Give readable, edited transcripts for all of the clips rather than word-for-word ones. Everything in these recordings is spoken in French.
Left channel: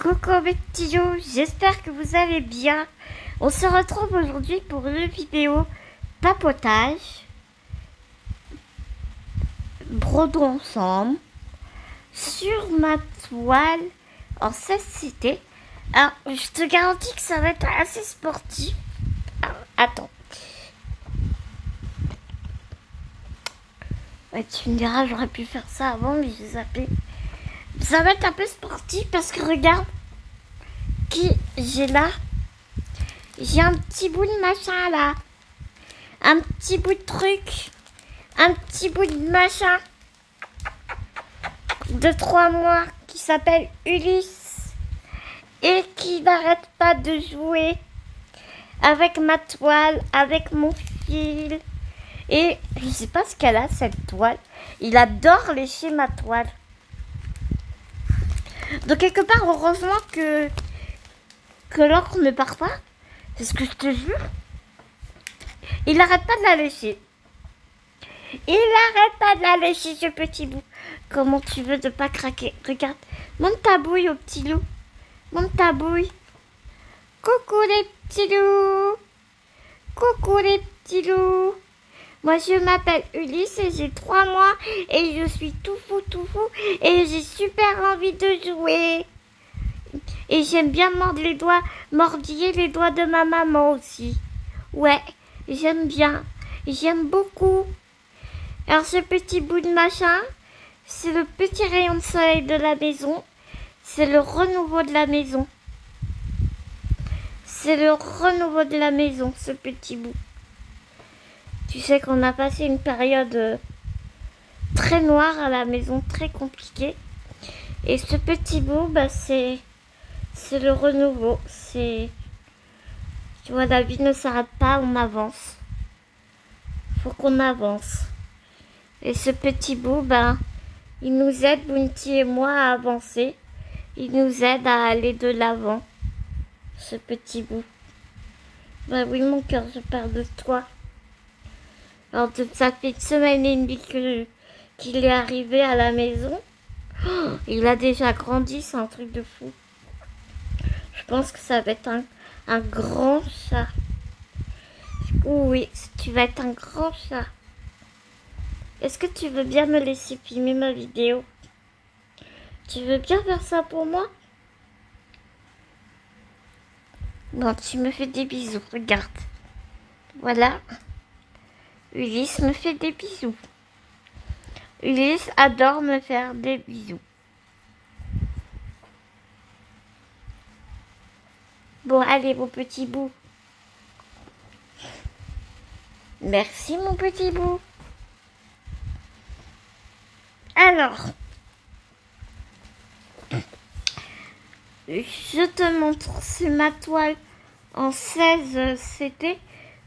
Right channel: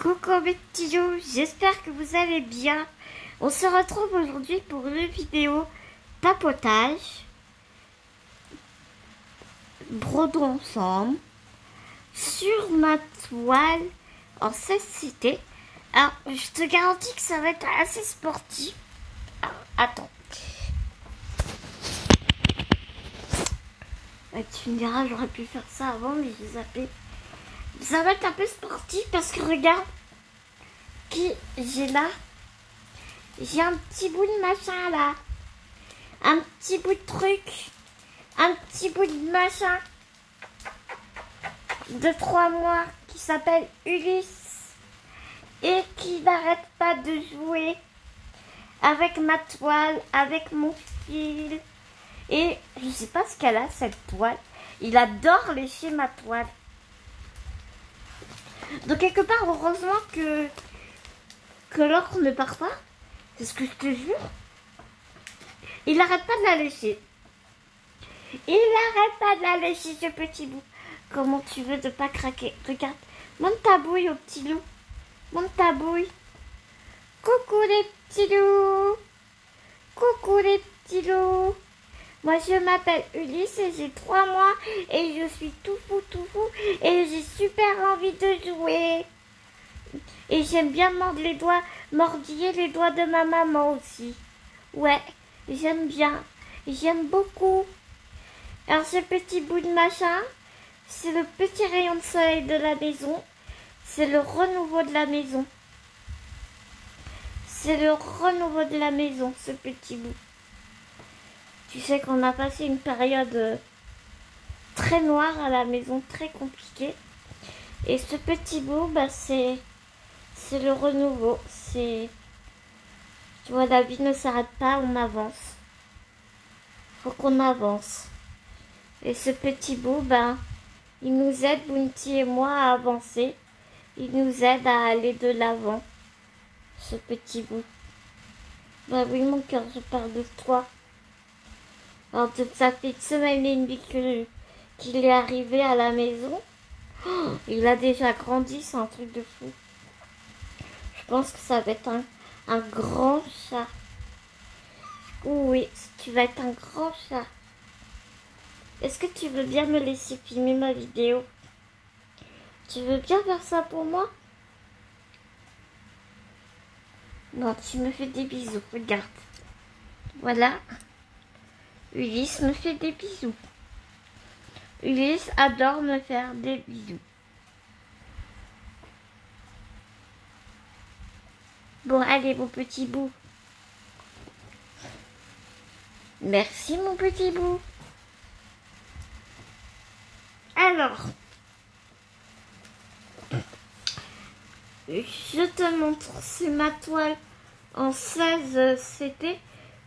Coucou mes petits loups, j'espère que vous allez bien. On se retrouve aujourd'hui pour une vidéo papotage, brodons ensemble, sur ma toile en cécité. Alors, je te garantis que ça va être assez sportif. Alors, attends. Ouais, tu me diras, j'aurais pu faire ça avant, mais j'ai zappé. Ça va être un peu sportif parce que regarde qui j'ai là. J'ai un petit bout de machin là. Un petit bout de truc. Un petit bout de machin. De 3 mois qui s'appelle Ulysse. Et qui n'arrête pas de jouer avec ma toile, avec mon fil. Et je sais pas ce qu'elle a cette toile. Il adore lécher ma toile. Donc quelque part, heureusement que l'encre ne part pas. Parce que je te jure, il n'arrête pas de la lécher. Il n'arrête pas de la lécher, ce petit bout. Comment tu veux de pas craquer? Regarde, monte ta bouille au petit loup. Monte ta bouille. Coucou les petits loups. Coucou les petits loups. Moi je m'appelle Ulysse et j'ai 3 mois et je suis tout fou et j'ai super envie de jouer. Et j'aime bien mordre les doigts, mordiller les doigts de ma maman aussi. Ouais, j'aime bien, j'aime beaucoup. Alors ce petit bout de machin, c'est le petit rayon de soleil de la maison. C'est le renouveau de la maison. C'est le renouveau de la maison, ce petit bout. Tu sais qu'on a passé une période très noire à la maison, très compliquée. Et ce petit bout, bah, c'est le renouveau. Tu vois, la vie ne s'arrête pas, on avance. Faut qu'on avance. Et ce petit bout, ben, il nous aide, Bounty et moi, à avancer. Il nous aide à aller de l'avant. Ce petit bout. Ben oui, mon cœur, je parle de toi. Alors, ça fait une semaine et demie qu'il est arrivé à la maison. Oh, il a déjà grandi, c'est un truc de fou. Je pense que ça va être un grand chat. Oui, tu vas être un grand chat. Est-ce que tu veux bien me laisser filmer ma vidéo? Tu veux bien faire ça pour moi? Non, tu me fais des bisous, regarde. Voilà. Ulysse me fait des bisous. Ulysse adore me faire des bisous. Bon, allez, mon petit bout. Merci, mon petit bout. Alors, je te montre, c'est ma toile en 16 CP.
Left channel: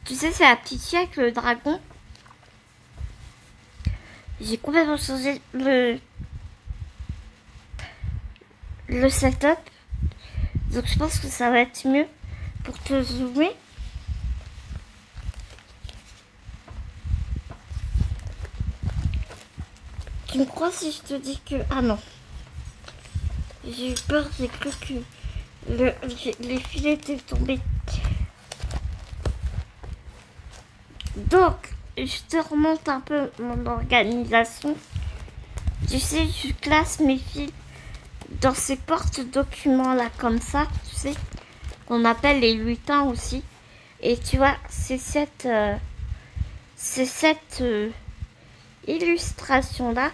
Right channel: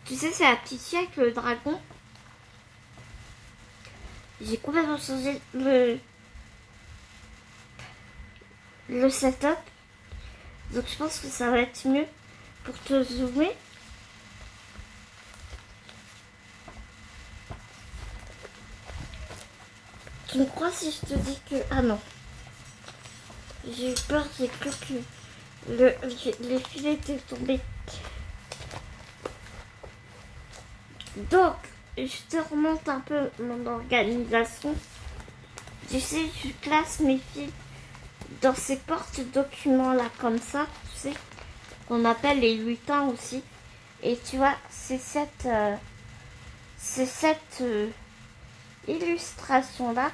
Tu sais, c'est la petite fille avec le dragon. J'ai complètement changé le setup. Donc je pense que ça va être mieux pour te zoomer. Tu me crois si je te dis que... Ah non. J'ai eu peur, j'ai cru que les fils étaient tombés. Donc, je te remonte un peu mon organisation. Tu sais, je classe mes fils dans ces porte-documents là, comme ça, tu sais, qu'on appelle les lutins aussi. Et tu vois, c'est cette illustration là,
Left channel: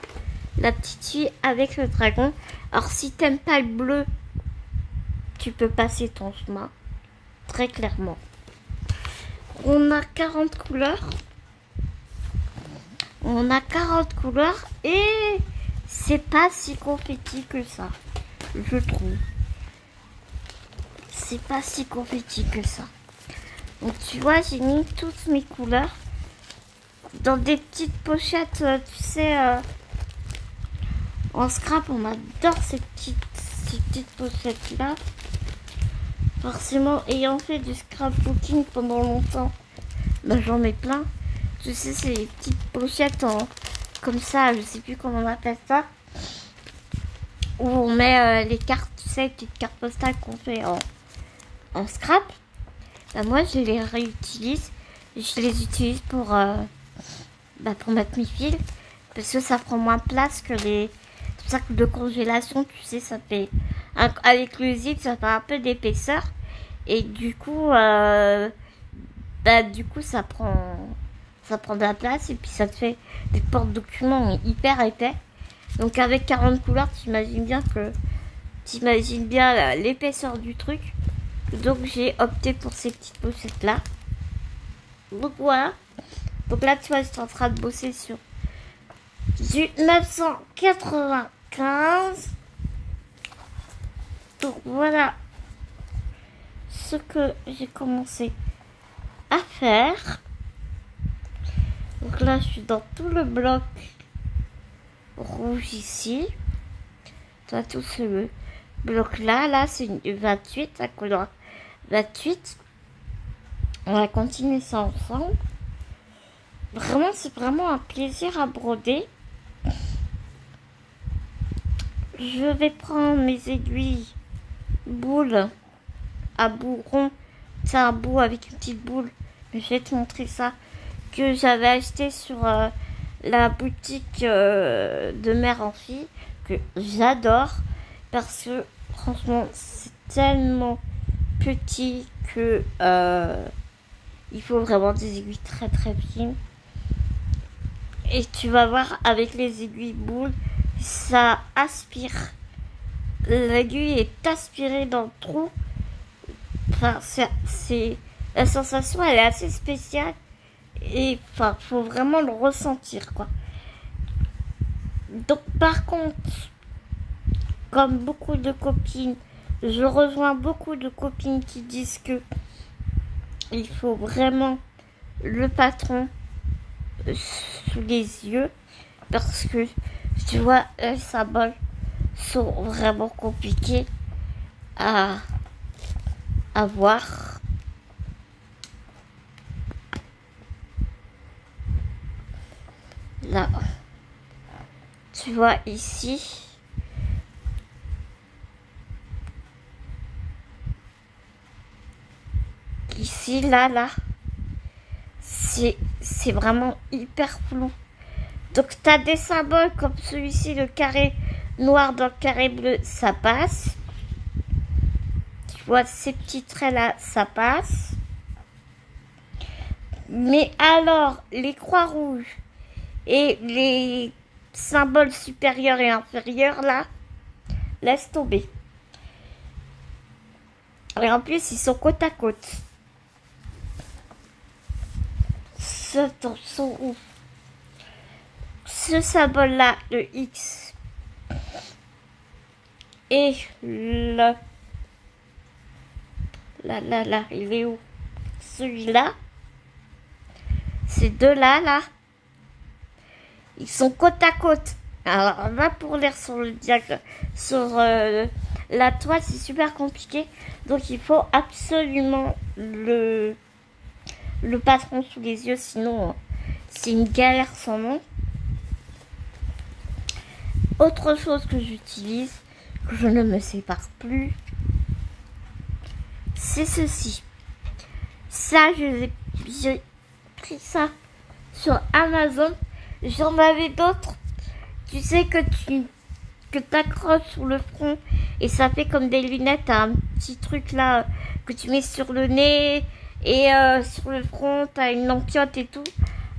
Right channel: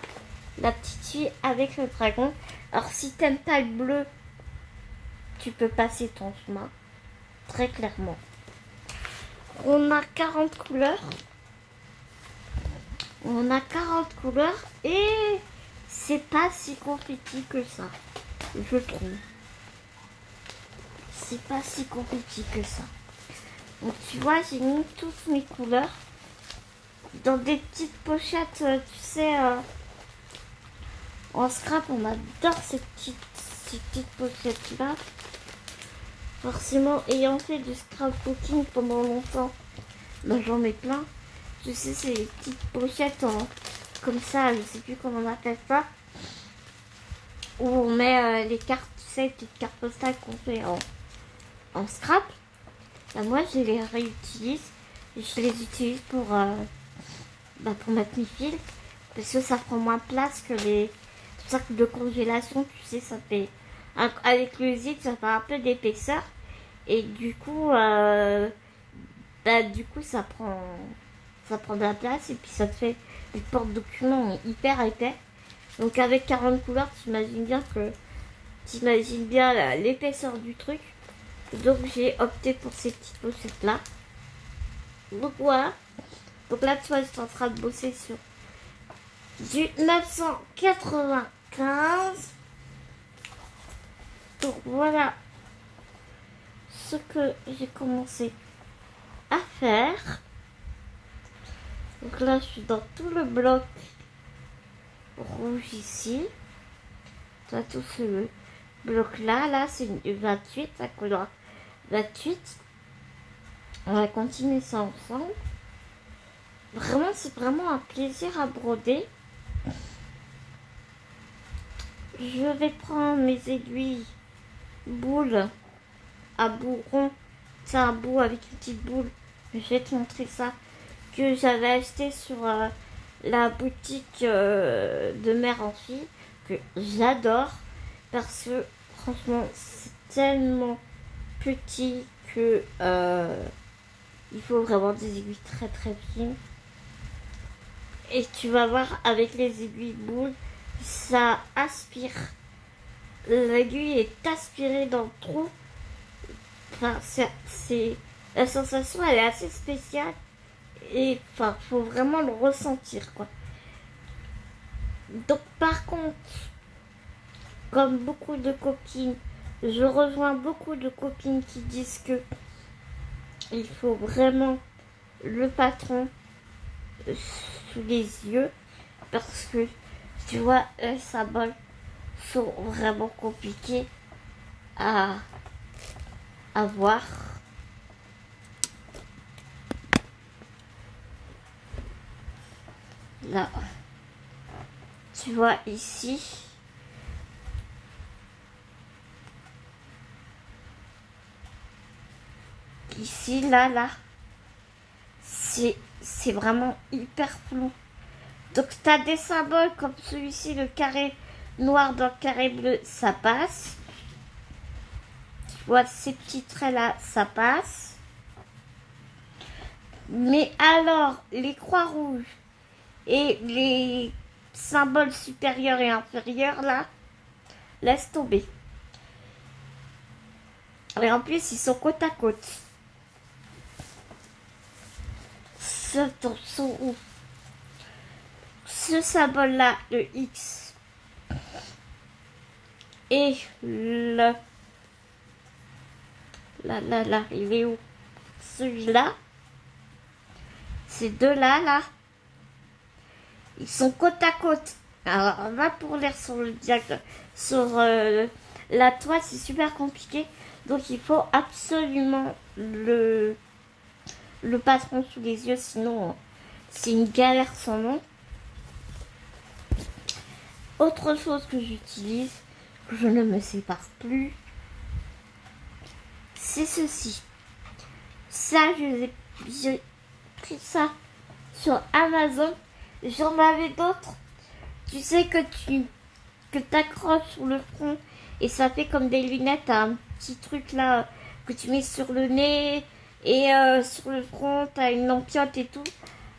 la petite fille avec le dragon. Alors si t'aimes pas le bleu, tu peux passer ton chemin, très clairement. On a 40 couleurs. On a 40 couleurs et c'est pas si confetti que ça, je trouve. C'est pas si confetti que ça. Donc tu vois, j'ai mis toutes mes couleurs dans des petites pochettes, tu sais, en scrap. On adore ces petites pochettes là. Forcément, ayant fait du scrapbooking pendant longtemps, ben, j'en ai plein. Tu sais, c'est les petites pochettes comme ça, je sais plus comment on appelle ça. où on met les cartes, tu sais, les petites cartes postales qu'on fait en scrap. Bah, moi, je les réutilise. Je les utilise pour mettre mes fils. Parce que ça prend moins de place que les sacs de congélation. Tu sais, ça fait... avec le zip, ça fait un peu d'épaisseur. Et du coup, ça prend de la place. Et puis, ça te fait des porte-documents hyper épais. Donc, avec 40 couleurs, t'imagines bien l'épaisseur du truc. Donc j'ai opté pour ces petites pochettes là. Donc voilà. Donc là tu vois, je suis en train de bosser sur du 995. Donc voilà ce que j'ai commencé à faire. Donc là je suis dans tout le bloc rouge ici. Toi tout ce bloc là c'est une 28, la couleur 28. On va continuer ça ensemble. Vraiment, c'est vraiment un plaisir à broder. Je vais prendre mes aiguilles boules à bout rond. C'est un bout avec une petite boule. Je vais te montrer ça. Que j'avais acheté sur la boutique de Mère en Fille. Que j'adore. Parce que franchement, c'est tellement petit que il faut vraiment des aiguilles très très fines. Et tu vas voir avec les aiguilles boules, ça aspire. L'aiguille est aspirée dans le trou. Enfin, la sensation, elle est assez spéciale. Et enfin, faut vraiment le ressentir, quoi. Donc, par contre, comme beaucoup de copines, je rejoins beaucoup de copines qui disent que il faut vraiment le patron sous les yeux parce que tu vois les symboles sont vraiment compliqués à voir. Là, tu vois ici. Ici, là, c'est vraiment hyper flou. Donc, tu as des symboles comme celui-ci, le carré noir dans le carré bleu, ça passe. Tu vois, ces petits traits-là, ça passe. Mais alors, les croix rouges et les symboles supérieurs et inférieurs, là, laisse tomber. Et en plus, ils sont côte à côte. Sont où? Ce symbole là, le X et le là, il est où? Celui-là, ces deux là, ils sont côte à côte. Alors on va pour lire sur le diagramme, sur la toile, c'est super compliqué. Donc il faut absolument le patron sous les yeux, sinon c'est une galère sans nom. Autre chose que j'utilise, que je ne me sépare plus, c'est ceci. Ça, j'ai pris ça sur Amazon. J'en avais d'autres. Tu sais que tu t'accroches sur le front et ça fait comme des lunettes, un petit truc là que tu mets sur le nez et sur le front, t'as une lampiote et tout.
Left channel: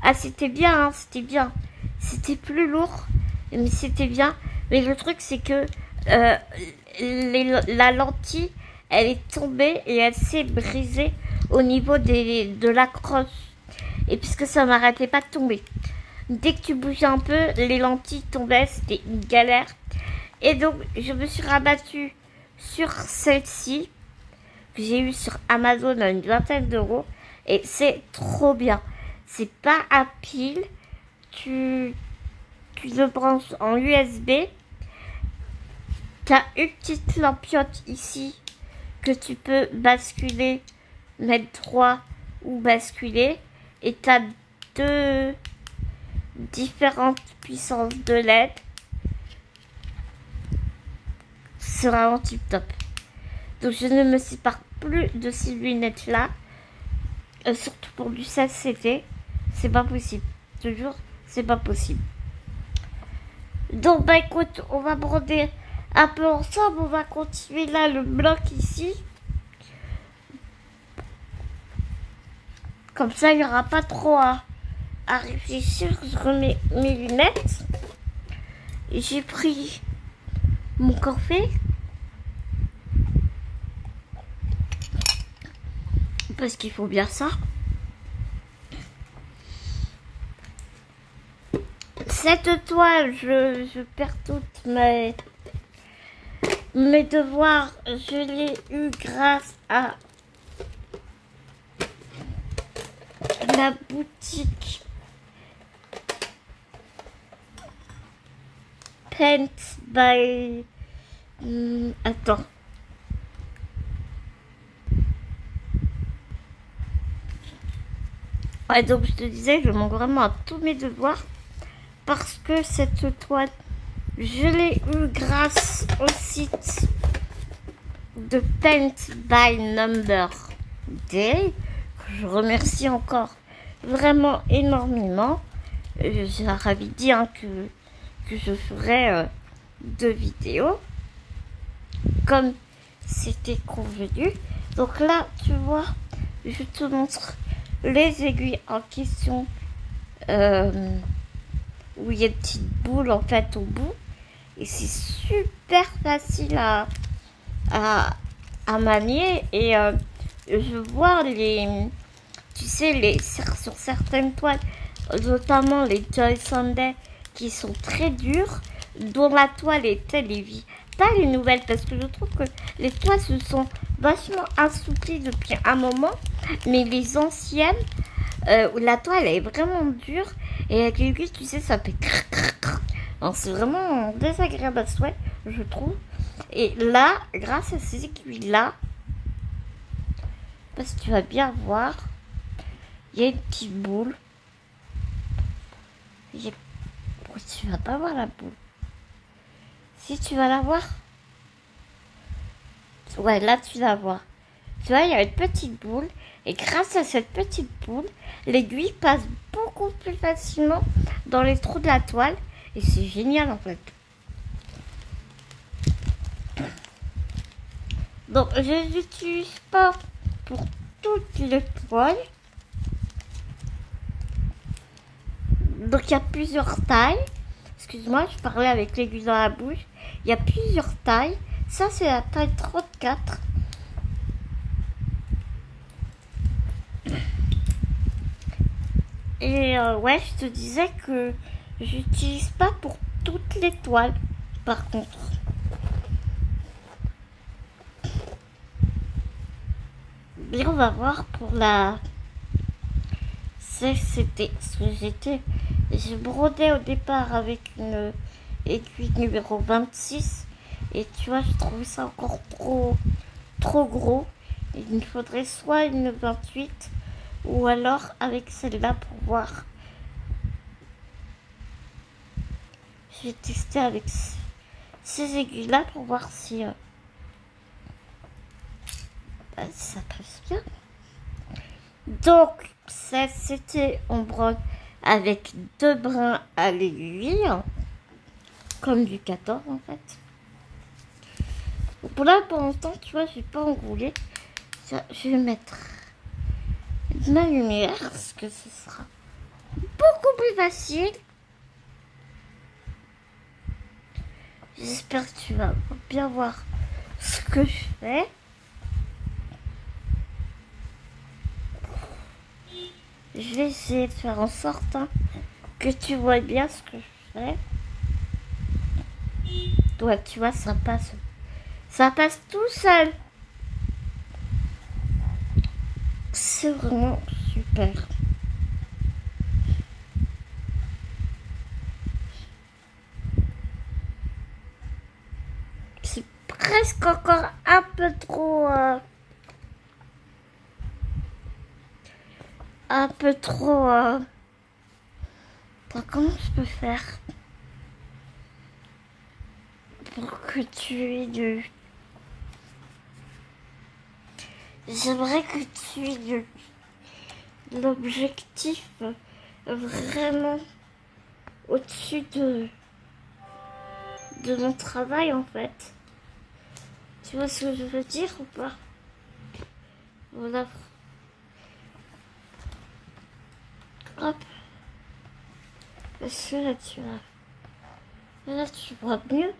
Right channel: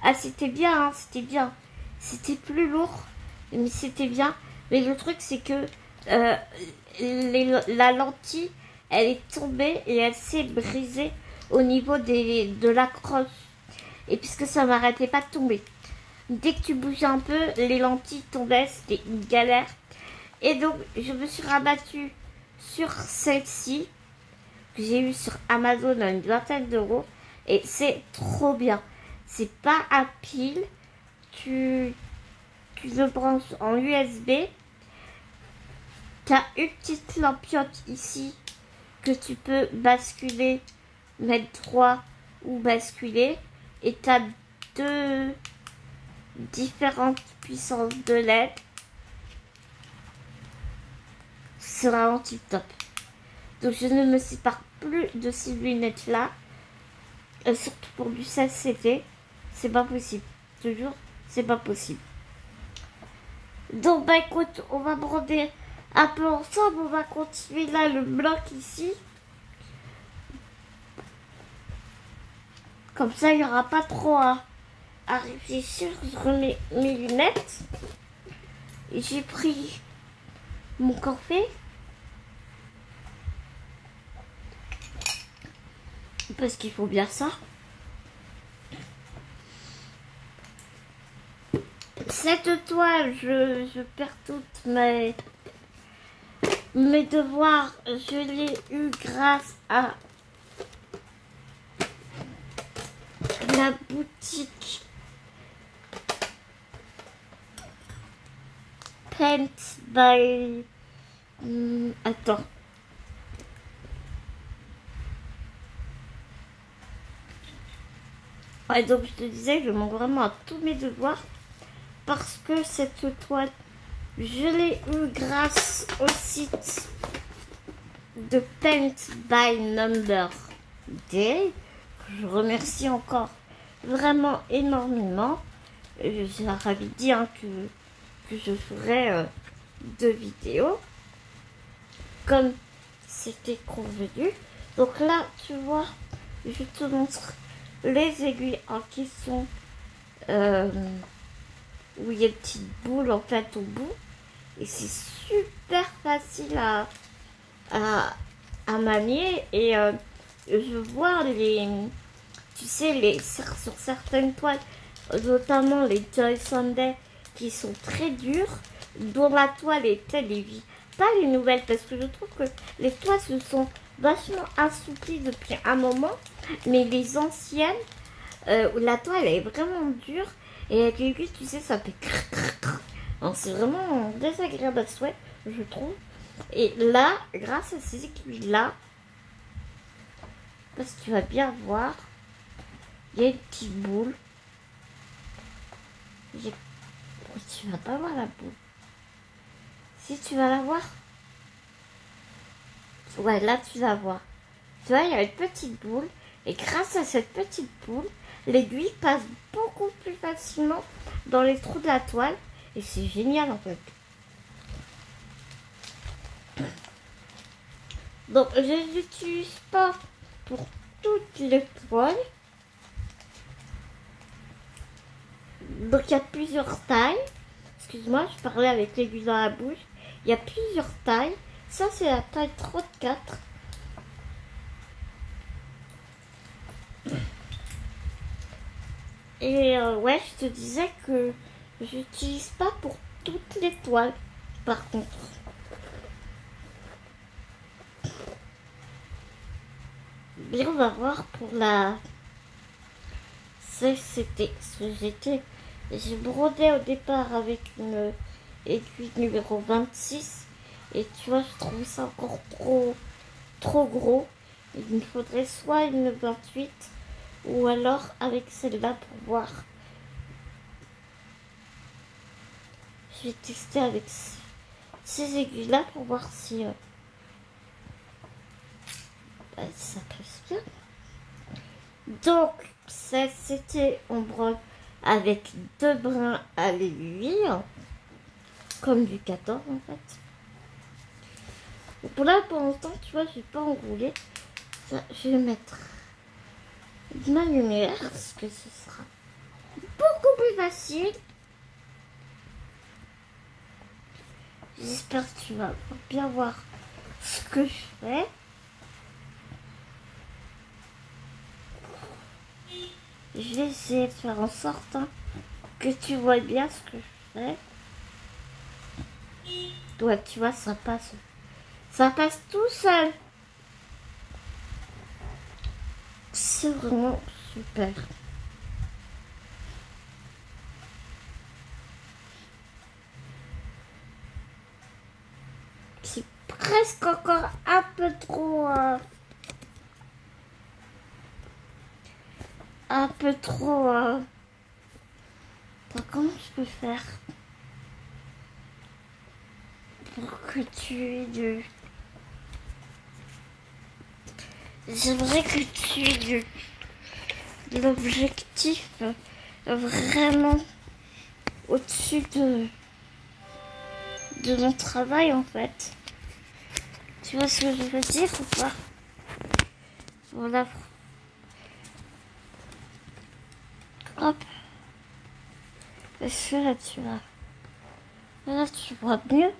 Ah, c'était bien, hein, c'était bien. C'était plus lourd, mais c'était bien. Mais le truc, c'est que la lentille, elle est tombée et elle s'est brisée au niveau de l'accroche. Et puisque ça m'arrêtait pas de tomber. Dès que tu bougeais un peu, les lentilles tombaient, c'était une galère. Et donc, je me suis rabattue sur celle-ci, que j'ai eu sur Amazon à une vingtaine d'euros. Et c'est trop bien. C'est pas à pile. Tu le branches en USB. Tu as une petite lampiote ici que tu peux basculer, mettre droit ou basculer. Et tu as deux différentes puissances de LED. c'est vraiment tip top. Donc je ne me sépare plus de ces lunettes là. Surtout pour du 16CT. C'est pas possible. Toujours, c'est pas possible. Donc bah écoute, on va broder un peu ensemble. On va continuer là le bloc ici. Comme ça, il n'y aura pas trop à réfléchir. Je remets mes lunettes. J'ai pris mon café. Parce qu'il faut bien ça. Cette toile, je perds toutes mes devoirs. Je l'ai eu grâce à la boutique Paint by... attends. Ouais, donc je te disais, je manque vraiment à tous mes devoirs parce que cette toile, je l'ai eu grâce au site de Paint by Number Day. Je remercie encore vraiment énormément. J'avais dit hein, que je ferais 2 vidéos comme c'était convenu. Donc là, tu vois, je te montre les aiguilles en question où il y a une petite boule en fait au bout et c'est super facile à manier et je vois tu sais sur certaines toiles, notamment les Joy Sunday qui sont très dures, dont la toile est vie. Pas les nouvelles parce que je trouve que les toiles se sont vachement assouplies depuis un moment, mais les anciennes où la toile est vraiment dure et avec l'aiguille tu sais ça fait c'est vraiment désagréable à souhait je trouve. Et là grâce à ces aiguilles là, parce que tu vas bien voir, il y a une petite boule. Tu vas pas voir la boule. Si tu vas la voir, ouais là tu la vois. Tu vois il y a une petite boule et grâce à cette petite boule, l'aiguille passe beaucoup plus facilement dans les trous de la toile et c'est génial en fait. Donc je ne l'utilise pas pour toutes les toiles. Donc il y a plusieurs tailles. Excuse-moi, je parlais avec l'aiguille dans la bouche. Il y a plusieurs tailles. Ça c'est la taille 34. Et ouais, je te disais que j'utilise pas pour toutes les toiles. Par contre. Mais on va voir pour la CCT. J'ai brodé au départ avec une aiguille numéro 26. Et tu vois, je trouvais ça encore trop gros. Il me faudrait soit une 28 ou alors avec celle-là pour voir. Je vais tester avec ces aiguilles-là pour voir si ça passe bien. Donc, c'était on brode avec 2 brins à l'aiguille, comme du 14 en fait. Pour là, pour l'instant, tu vois, je vais pas enrouler. Je vais mettre de la lumière, parce que ce sera beaucoup plus facile. J'espère que tu vas bien voir ce que je fais. Je vais essayer de faire en sorte que tu vois bien ce que je fais. Toi, tu vois, ça passe tout seul. C'est vraiment super. C'est presque encore un peu trop... Attends, comment je peux faire pour que tu aies de... J'aimerais que tu aies de l'objectif vraiment au-dessus de mon travail en fait. Tu vois ce que je veux dire ou pas? Voilà. Hop. Est-ce que là tu vois mieux?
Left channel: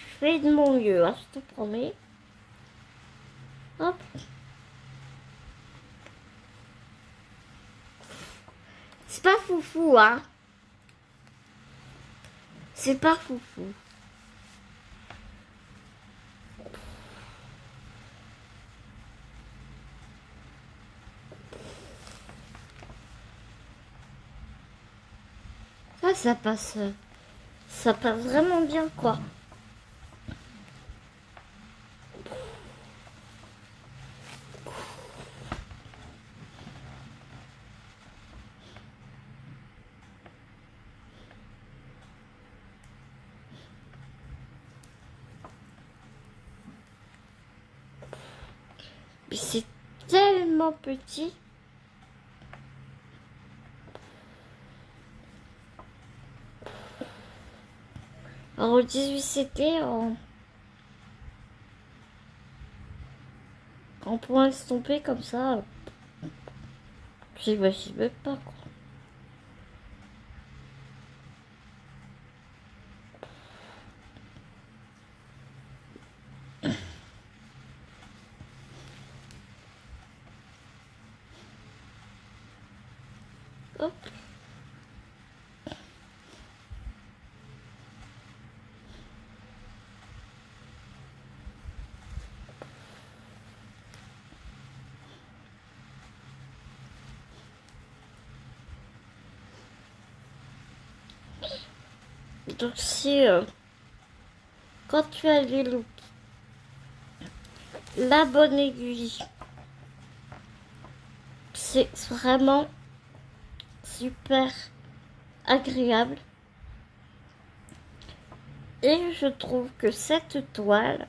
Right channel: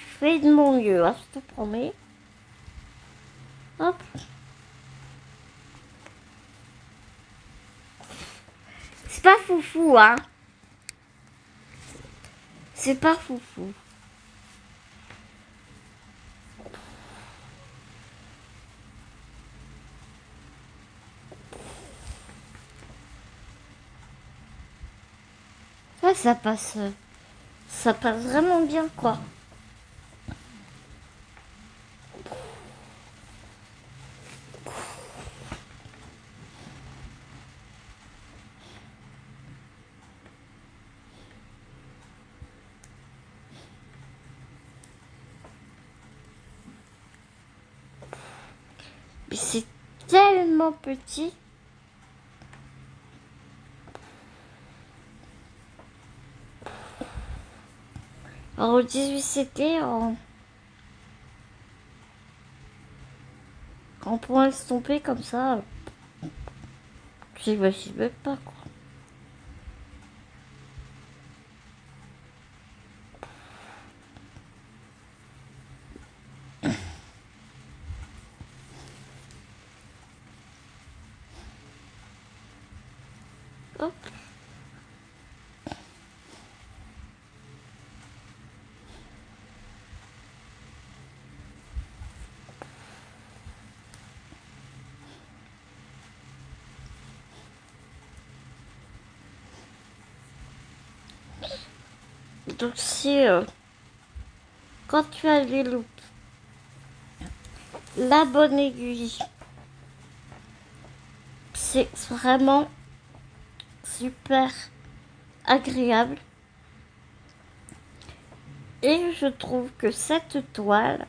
Je fais de mon mieux, hein, je te promets. Hop. C'est pas foufou, hein. C'est pas foufou. Ouais, ça passe vraiment bien, quoi. Mais c'est tellement petit. Alors, au 18, c'était en point estompé comme ça. J'imagine pas, quoi. Hop. Donc c'est quand tu as les looks, la bonne aiguille, c'est vraiment super agréable. Et je trouve que cette toile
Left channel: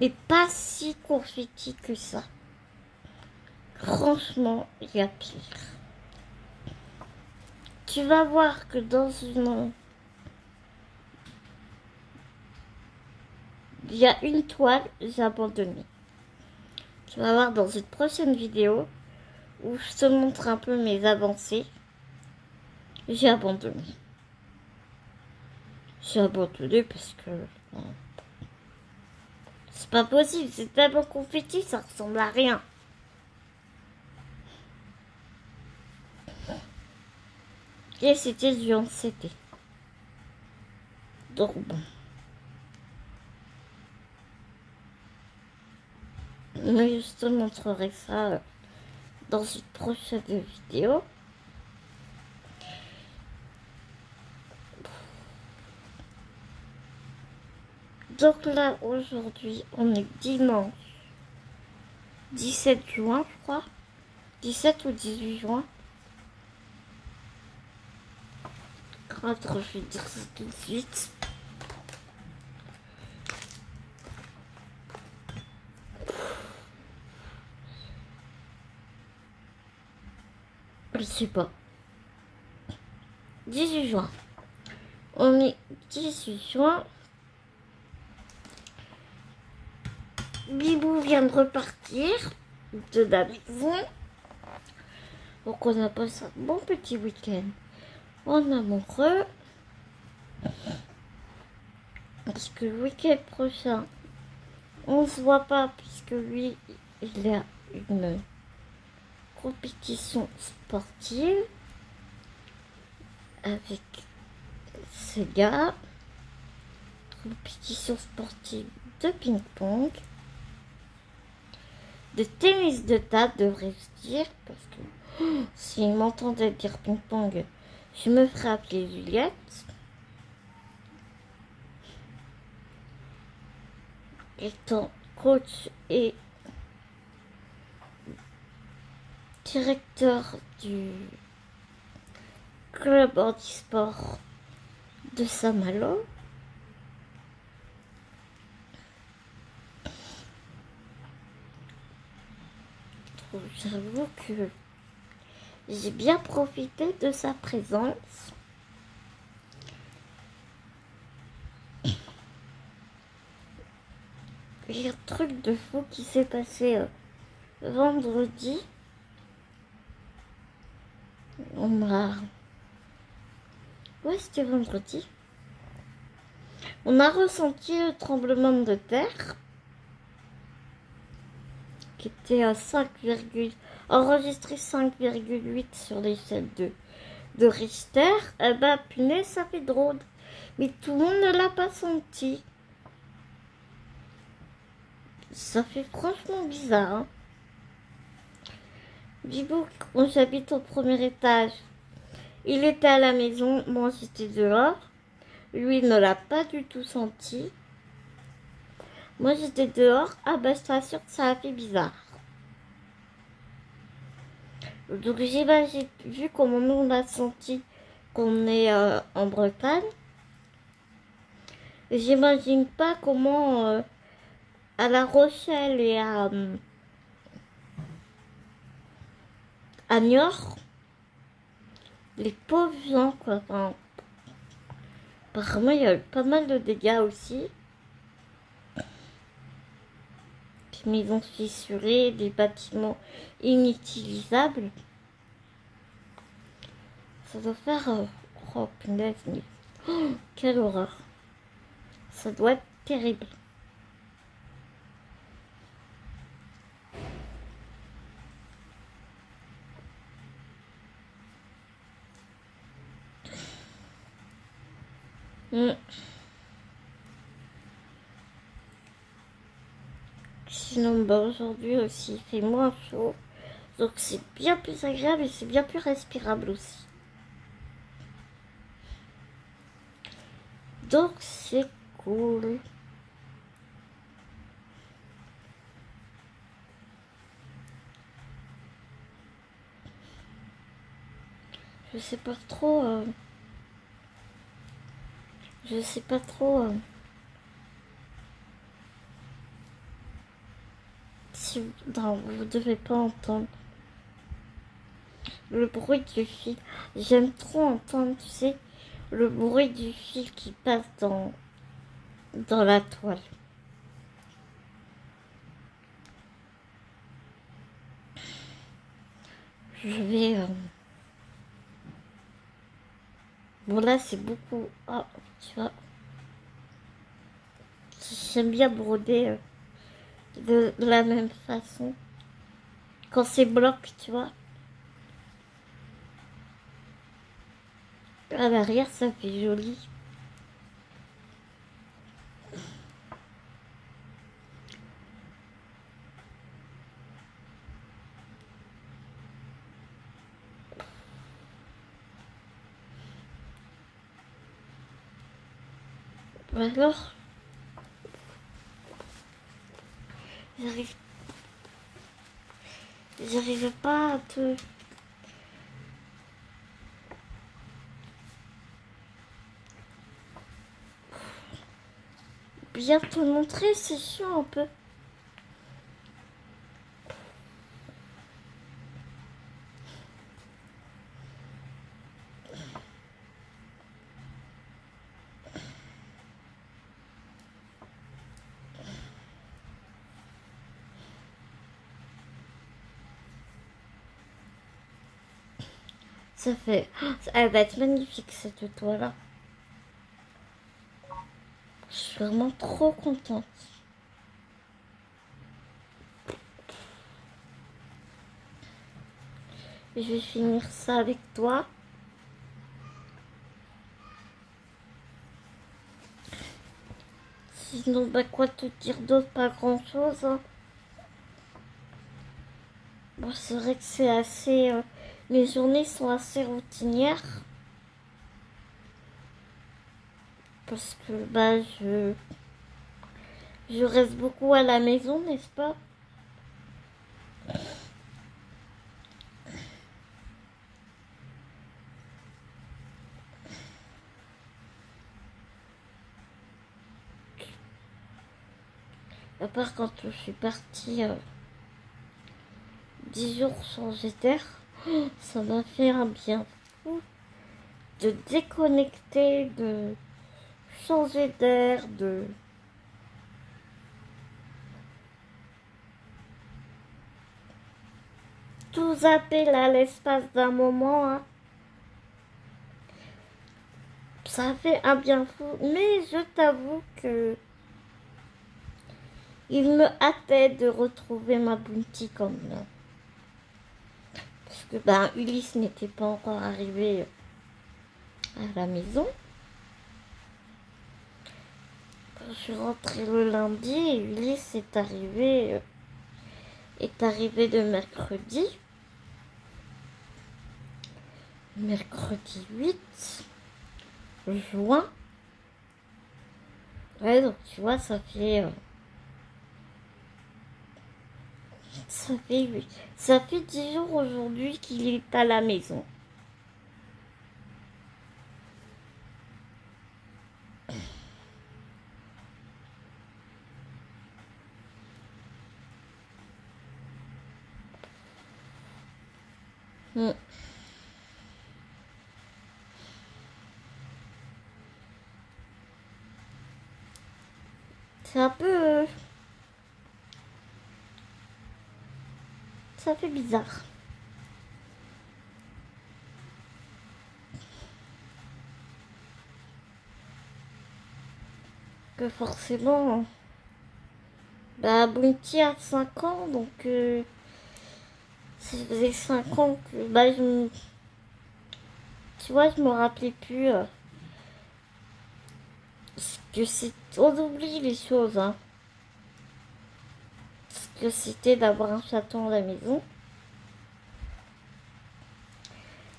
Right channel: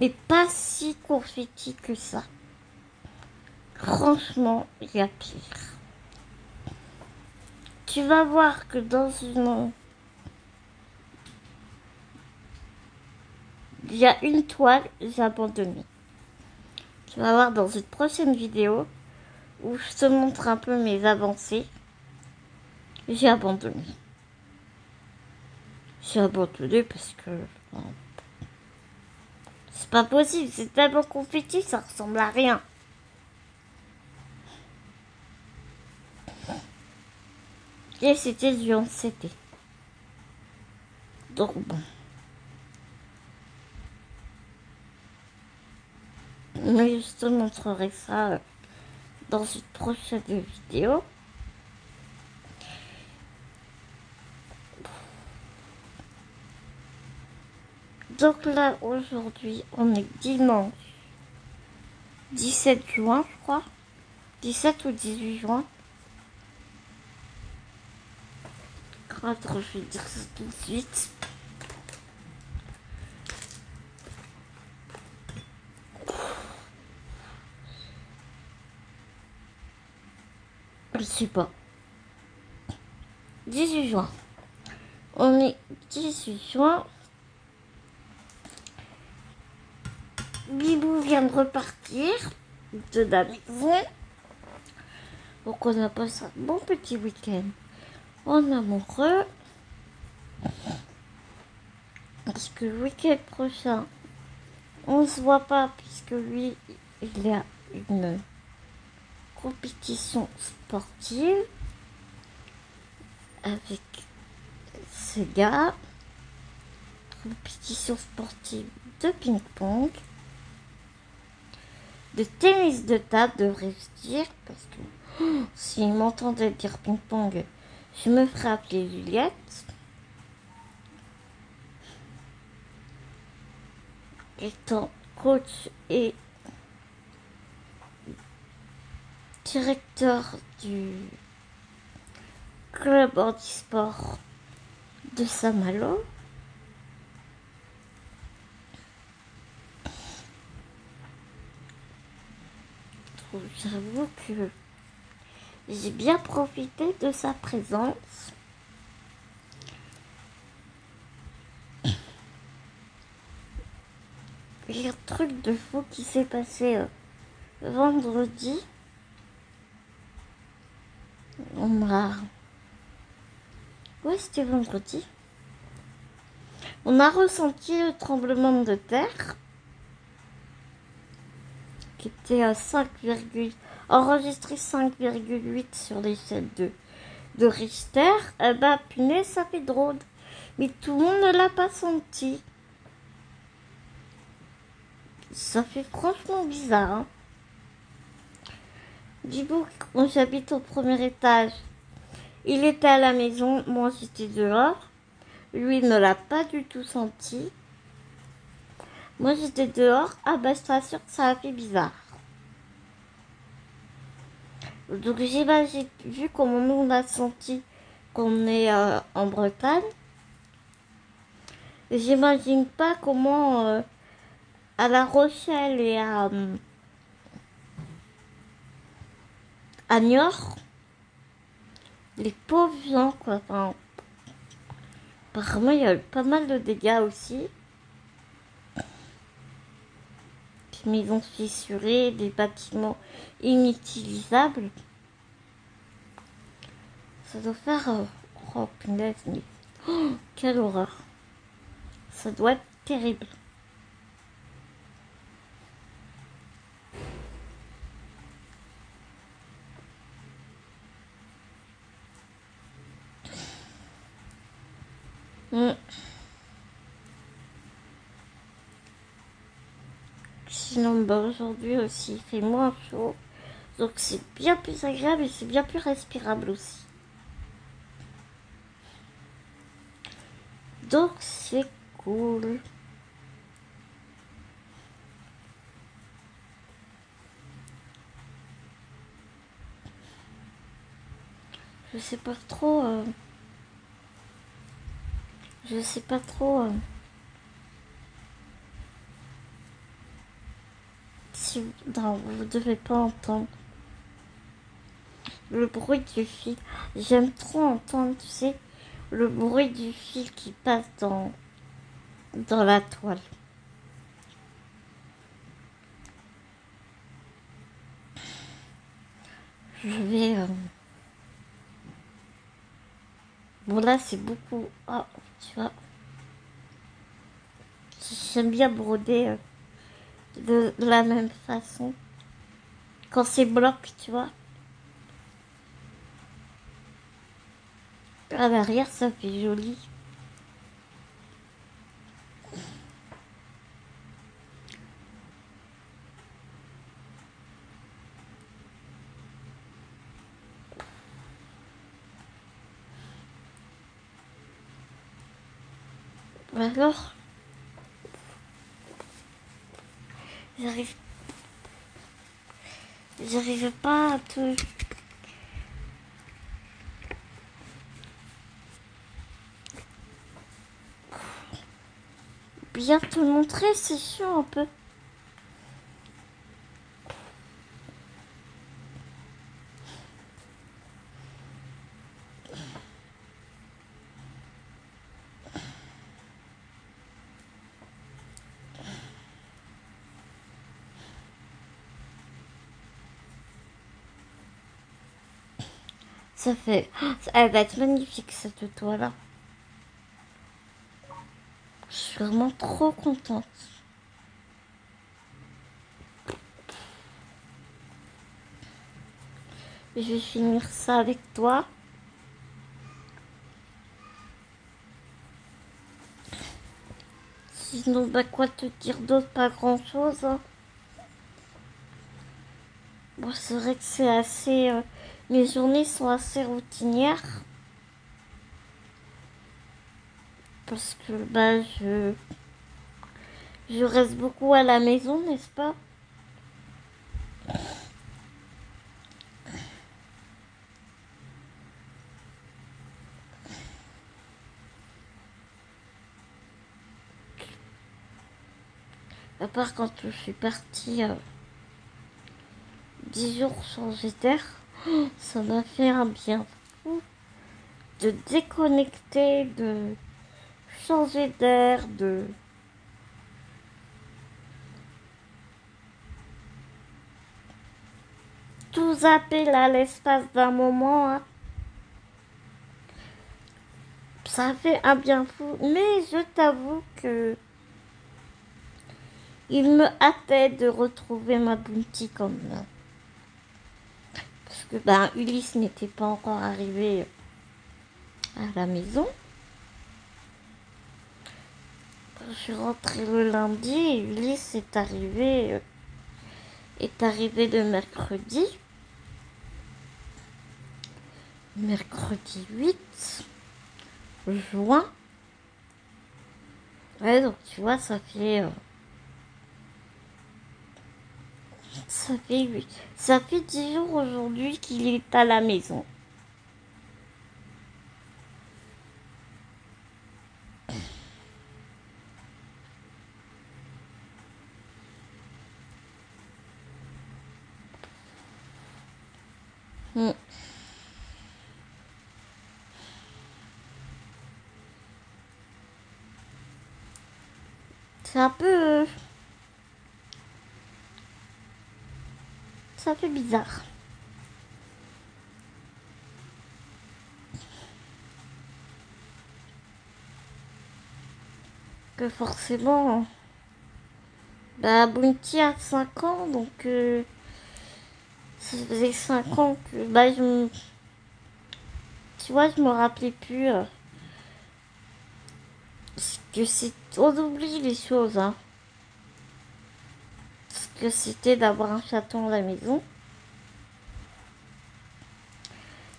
n'est pas si confetti que ça. Franchement, il y a pire. Tu vas voir que dans une... Il y a une toile, j'ai abandonné. Tu vas voir dans une prochaine vidéo où je te montre un peu mes avancées. J'ai abandonné. J'ai abandonné parce que... c'est pas possible, c'est tellement confetti, ça ressemble à rien. Et c'était du 11CT. Donc bon. Mais je te montrerai ça dans une prochaine vidéo. Donc là, aujourd'hui, on est dimanche 17 juin, je crois. 17 ou 18 juin. Attends, je vais dire ça tout de suite. Je sais pas. 18 juin. On est 18 juin. Bibou vient de repartir de la maison. Donc on a passé un bon petit week-end en amoureux. Parce que le week-end prochain, on se voit pas puisque lui, il a une compétition sportive avec ce gars. Compétition sportive de ping-pong. De tennis de table, devrais-je dire, parce que s'il m'entendait dire ping-pong, je me ferais appeler Juliette. Étant coach et directeur du club handisport de Saint-Malo. J'avoue que j'ai bien profité de sa présence. Il y a un truc de fou qui s'est passé vendredi. On m'a... Ouais, c'était vendredi. On a ressenti le tremblement de terre qui était à 5, enregistré 5,8 sur l'échelle de Richter. Eh ben, punaise, ça fait drôle. Mais tout le monde ne l'a pas senti. Ça fait franchement bizarre. Hein. Bibou, quand j'habite au premier étage, il était à la maison, moi j'étais dehors. Lui ne l'a pas du tout senti. Moi j'étais dehors, ah bah je t'assure que ça a fait bizarre. Donc j'imagine, vu comment on a senti qu'on est en Bretagne, j'imagine pas comment à La Rochelle et à Niort, les pauvres gens quoi. Enfin, apparemment il y a eu pas mal de dégâts aussi. Des maisons fissurées, des bâtiments inutilisables. Ça doit faire... oh punaise, mais... oh, quelle horreur. Ça doit être terrible. Sinon, bah, aujourd'hui aussi, il fait moins chaud. Donc c'est bien plus agréable et c'est bien plus respirable aussi. Donc c'est cool. Je sais pas trop... je sais pas trop... si... Non, vous devez pas entendre. Le bruit du fil. J'aime trop entendre, tu sais, le bruit du fil qui passe dans la toile. Je vais... Bon là c'est beaucoup... Ah, tu vois. J'aime bien broder de la même façon. Quand c'est bloc, tu vois. À l'arrière ça fait joli. Alors, j'arrive pas à te... bien te montrer, c'est sûr un peu. Ça fait... Elle va être magnifique cette toile-là. Je suis vraiment trop contente. Je vais finir ça avec toi. Sinon, bah quoi te dire d'autre? Pas grand-chose. Hein. Bon, c'est vrai que c'est assez... mes journées sont assez routinières. Parce que, bah, je reste beaucoup à la maison, n'est-ce pas? À part quand je suis partie 10 jours sans éther, ça m'a fait un bien fou de déconnecter, de changer d'air, de... tout zapper là l'espace d'un moment. Hein. Ça fait un bien fou, mais je t'avoue que il me hâtait de retrouver ma Bounty quand même. Parce que ben, Ulysse n'était pas encore arrivé à la maison. Je suis rentrée le lundi et Ulysse est arrivé le mercredi. Mercredi 8 juin. Ouais, donc tu vois, ça fait 10 jours aujourd'hui qu'il est à la maison. C'est un peu... ça fait bizarre. Que forcément... bah, Bounty a 5 ans, donc... ça faisait 5 ans que... bah, tu vois, je me rappelais plus... que c'est... on oublie les choses, hein. Ce que c'était d'avoir un chaton à la maison.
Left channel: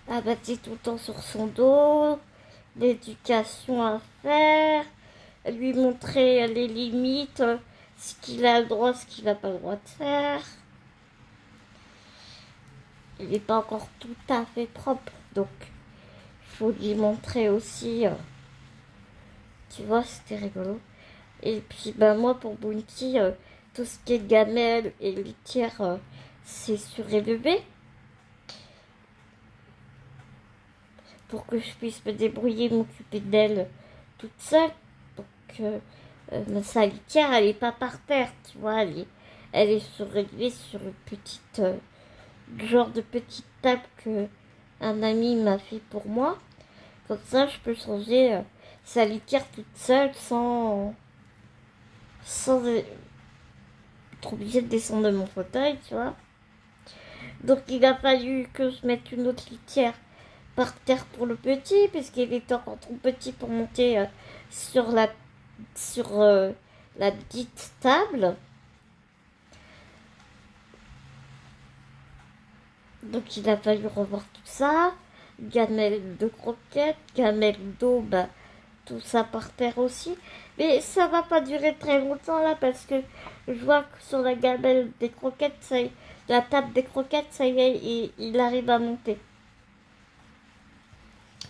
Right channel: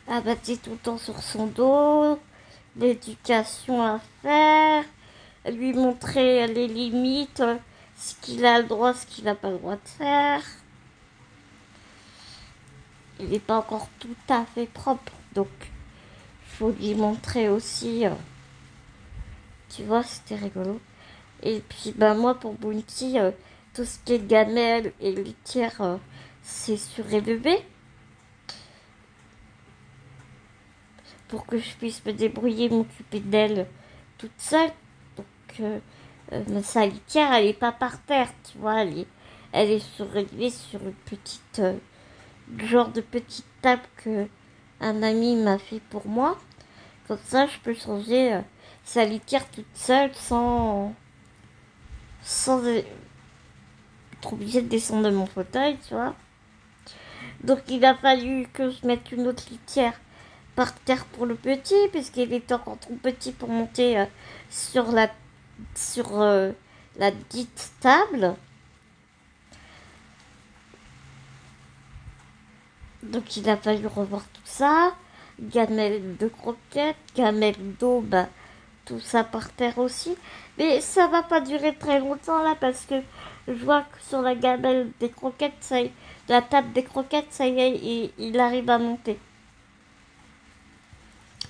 Abattre tout le temps sur son dos, l'éducation à faire, lui montrer les limites, ce qu'il a le droit, ce qu'il n'a pas le droit de faire. Il n'est pas encore tout à fait propre, donc il faut lui montrer aussi. Tu vois, c'était rigolo. Et puis, bah, moi, pour Bounty, tout ce qui est gamelle et litière, c'est surélevé. Pour que je puisse me débrouiller, m'occuper d'elle toute seule. Donc, sa litière, elle n'est pas par terre, tu vois. Elle est surélevée sur une petite... genre de petite table que un ami m'a fait pour moi. Comme ça, je peux changer sa litière toute seule sans être obligée de descendre de mon fauteuil, tu vois. Donc, il a fallu que je mette une autre litière par terre pour le petit, puisqu'il est encore trop petit pour monter sur la dite table. Donc il a fallu revoir tout ça, gamelle de croquettes, gamelle d'eau, bah, tout ça par terre aussi. Mais ça va pas durer très longtemps là, parce que je vois que sur la gamelle des croquettes, la table des croquettes, ça y est, il arrive à monter.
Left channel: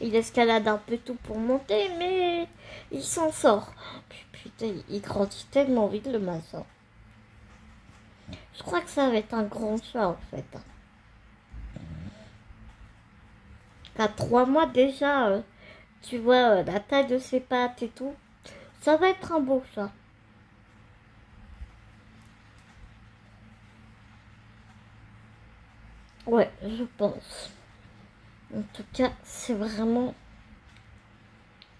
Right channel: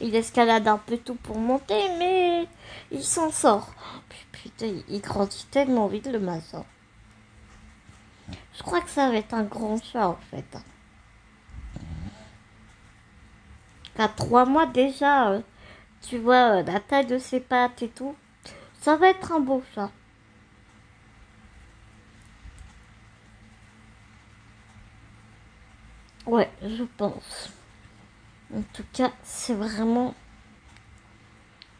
Il escalade un peu tout pour monter, mais il s'en sort. Putain, il grandit tellement vite le matin. Je crois que ça va être un grand chat en fait. À 3 mois déjà, tu vois la taille de ses pattes et tout. Ça va être un beau chat. Ouais, je pense. En tout cas, c'est vraiment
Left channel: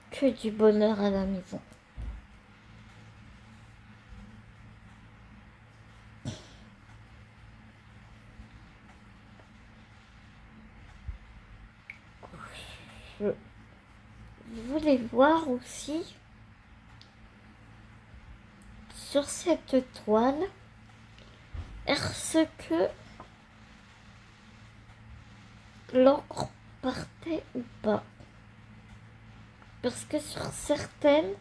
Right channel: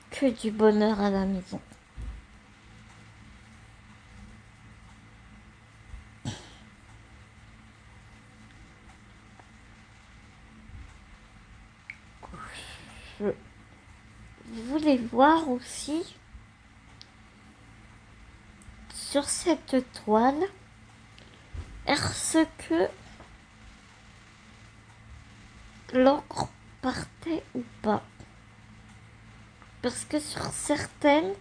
que du bonheur à la maison. Je voulais voir aussi sur cette toile, est-ce que l'encre partait ou pas? Parce que sur certaines,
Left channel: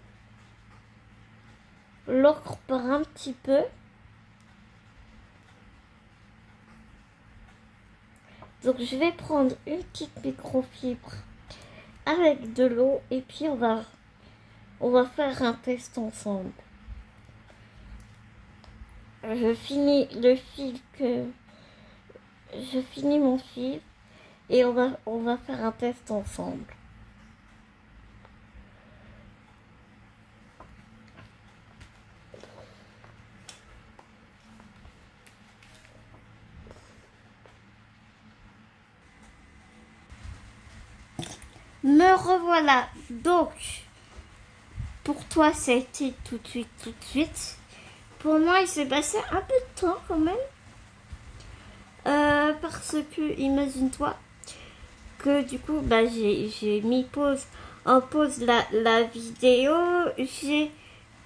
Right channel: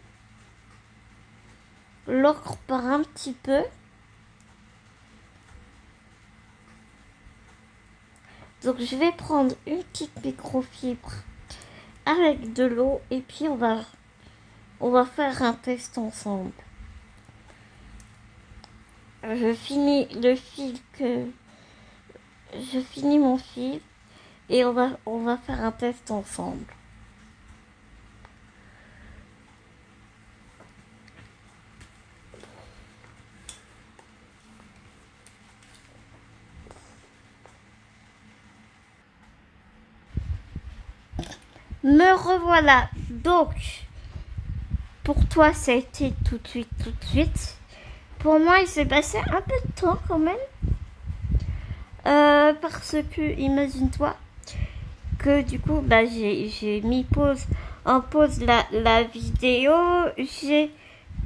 l'encre part un petit peu. Donc je vais prendre une petite microfibre avec de l'eau et puis on va faire un test ensemble. je finis le fil que... Je finis mon fil et on va faire un test ensemble. Me revoilà. Donc, pour toi, ça a été tout de suite. Pour moi, il s'est passé un peu de temps quand même. Parce que, imagine-toi, que du coup, bah, j'ai mis en pause la vidéo. J'ai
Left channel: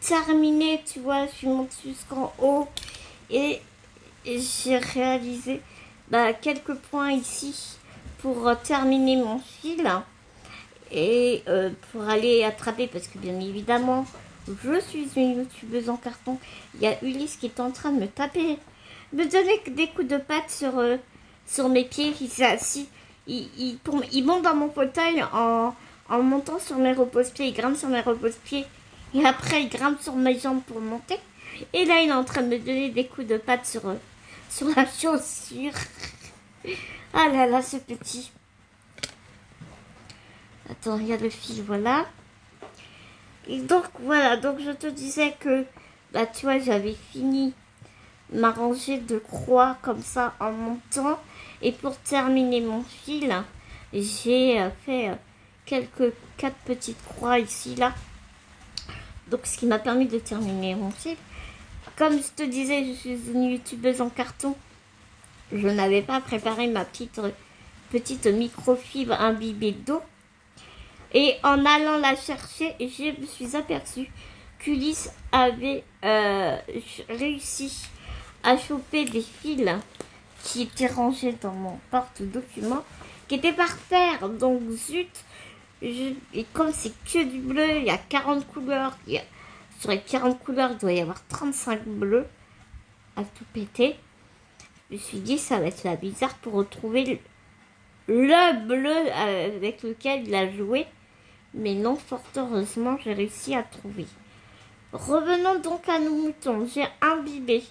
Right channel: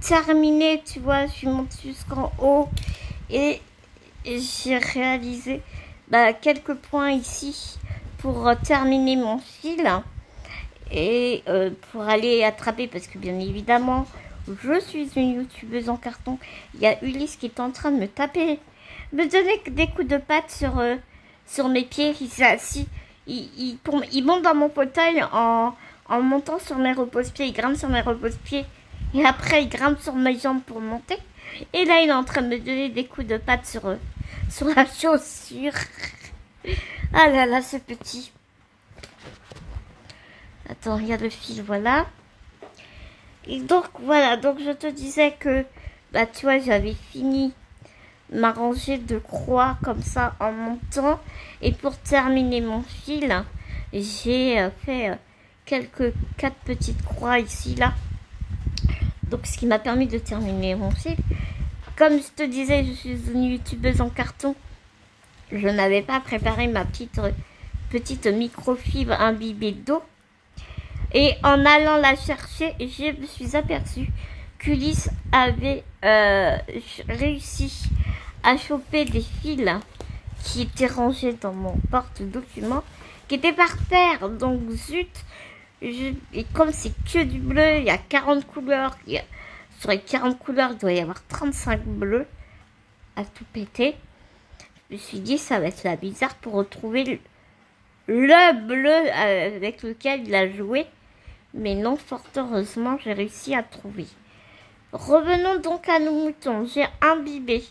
terminé, tu vois, je suis montée jusqu'en haut. Et j'ai réalisé quelques points ici pour terminer mon fil. Et pour aller attraper, parce que bien évidemment, je suis une youtubeuse en carton. Il y a Ulysse qui est en train de me donner des coups de patte sur mes pieds. Il s'est assis, il monte dans mon fauteuil en montant sur mes repose-pieds. Il grimpe sur mes repose-pieds et après il grimpe sur mes jambes pour monter. Et là il est en train de me donner des coups de patte sur la chaussure. Ah là là, c'est petit. Attends, il y a le fil, voilà. Et donc, voilà. Donc, je te disais que, tu vois, j'avais fini ma rangée de croix comme ça en montant. Et pour terminer mon fil, j'ai fait 4 petites croix ici, là. Donc, ce qui m'a permis de terminer mon fil. Comme je te disais, je suis une youtubeuse en carton. Je n'avais pas préparé ma petite microfibre imbibée d'eau. Et en allant la chercher, je me suis aperçue qu'Ulysse avait réussi à choper des fils qui étaient rangés dans mon porte-documents, qui étaient par terre. Donc zut, et comme c'est que du bleu, il y a 40 couleurs. Sur les 40 couleurs, il doit y avoir 35 bleus à tout péter. Je me suis dit, ça va être la bizarre pour retrouver le bleu avec lequel il a joué. Mais non, fort heureusement, j'ai réussi à trouver. Revenons donc à nos moutons. J'ai imbibé.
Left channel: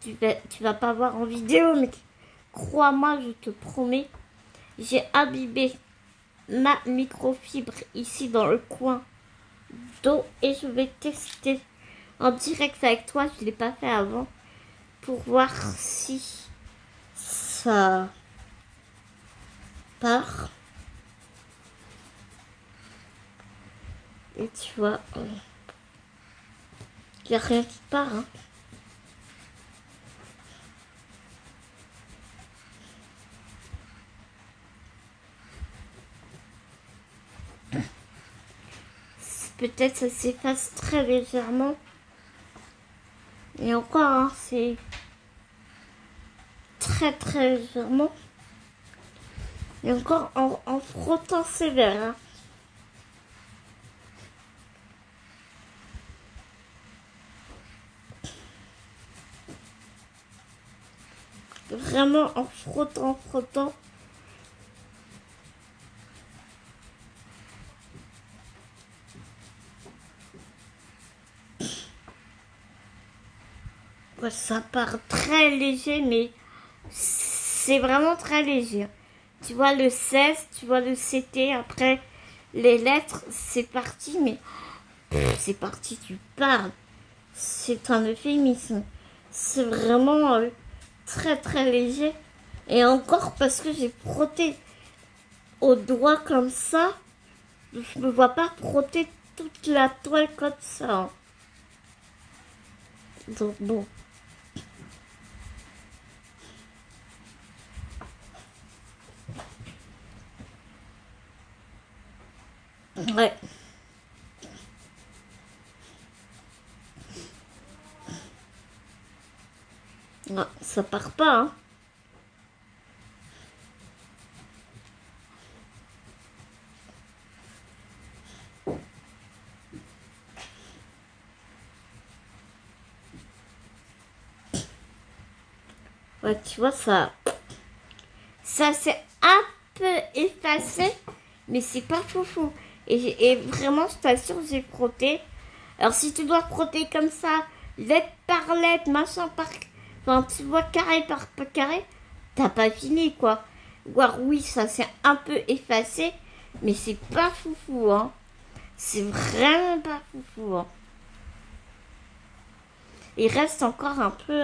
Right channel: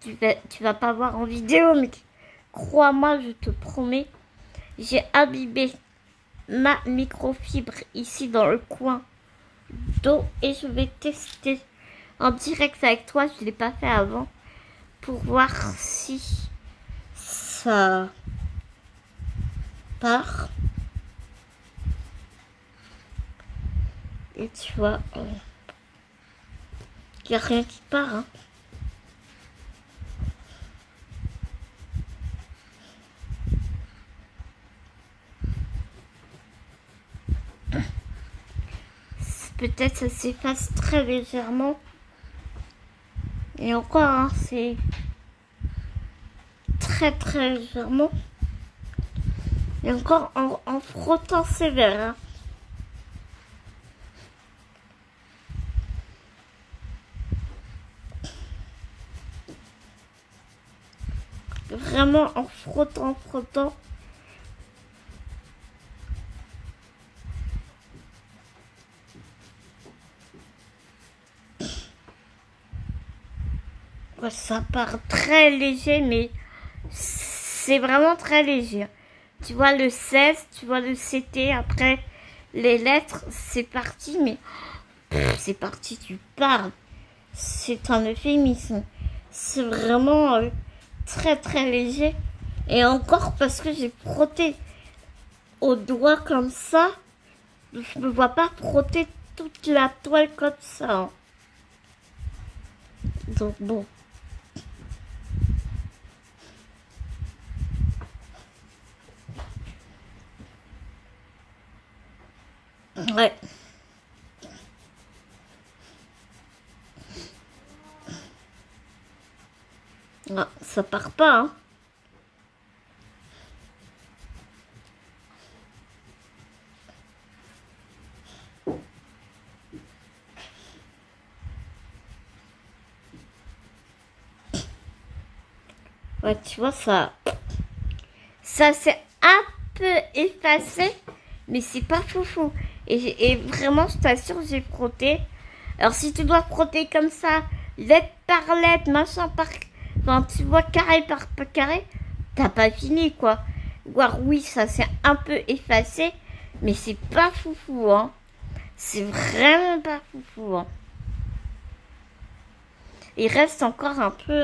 Tu vas pas voir en vidéo, mais crois-moi, je te promets. J'ai imbibé ma microfibre ici dans le coin d'eau. Et je vais tester en direct avec toi. Je ne l'ai pas fait avant. Pour voir si ça part. Et tu vois, il n'y a rien qui part. Hein. Peut-être ça s'efface très légèrement. Et encore, hein, c'est très légèrement. Et encore en frottant sévère. Hein. Vraiment en frottant. Ouais, ça part très léger, mais c'est vraiment très léger. Tu vois le 16, tu vois le CT, après les lettres, c'est parti, mais c'est parti, tu parles. C'est un euphémisme. C'est vraiment très léger. Et encore parce que j'ai frotté au doigt comme ça, je ne vois pas frotter toute la toile comme ça. Hein. Donc bon. Ouais. Ah, ça part pas, hein. Ouais, tu vois, ça s'est un peu effacé, mais c'est pas foufou. Et vraiment, je t'assure, j'ai frotté. Alors, si tu dois frotter comme ça, lettre par lettre, machin quand tu vois carré par carré, t'as pas fini, quoi. Voir, oui, ça s'est un peu effacé, mais c'est pas foufou, hein. C'est vraiment pas foufou, hein. Il reste encore un peu...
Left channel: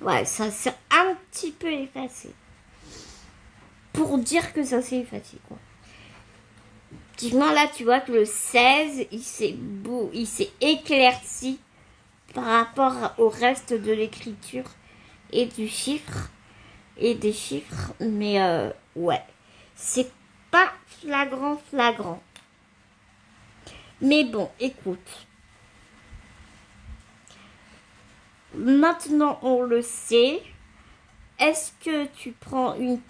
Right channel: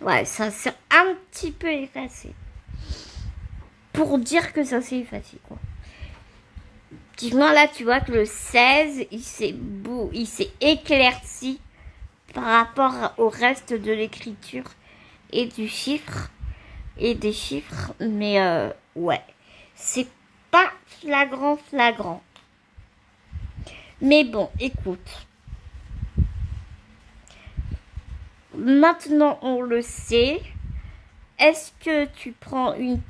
Ouais, ça s'est un petit peu effacé. Pour dire que ça s'est effacé, quoi. Effectivement, là, tu vois que le 16, il s'est éclairci par rapport au reste de l'écriture et du chiffre et des chiffres. Mais ouais, c'est pas flagrant. Mais bon, écoute. Maintenant, on le sait. Est-ce que tu prends une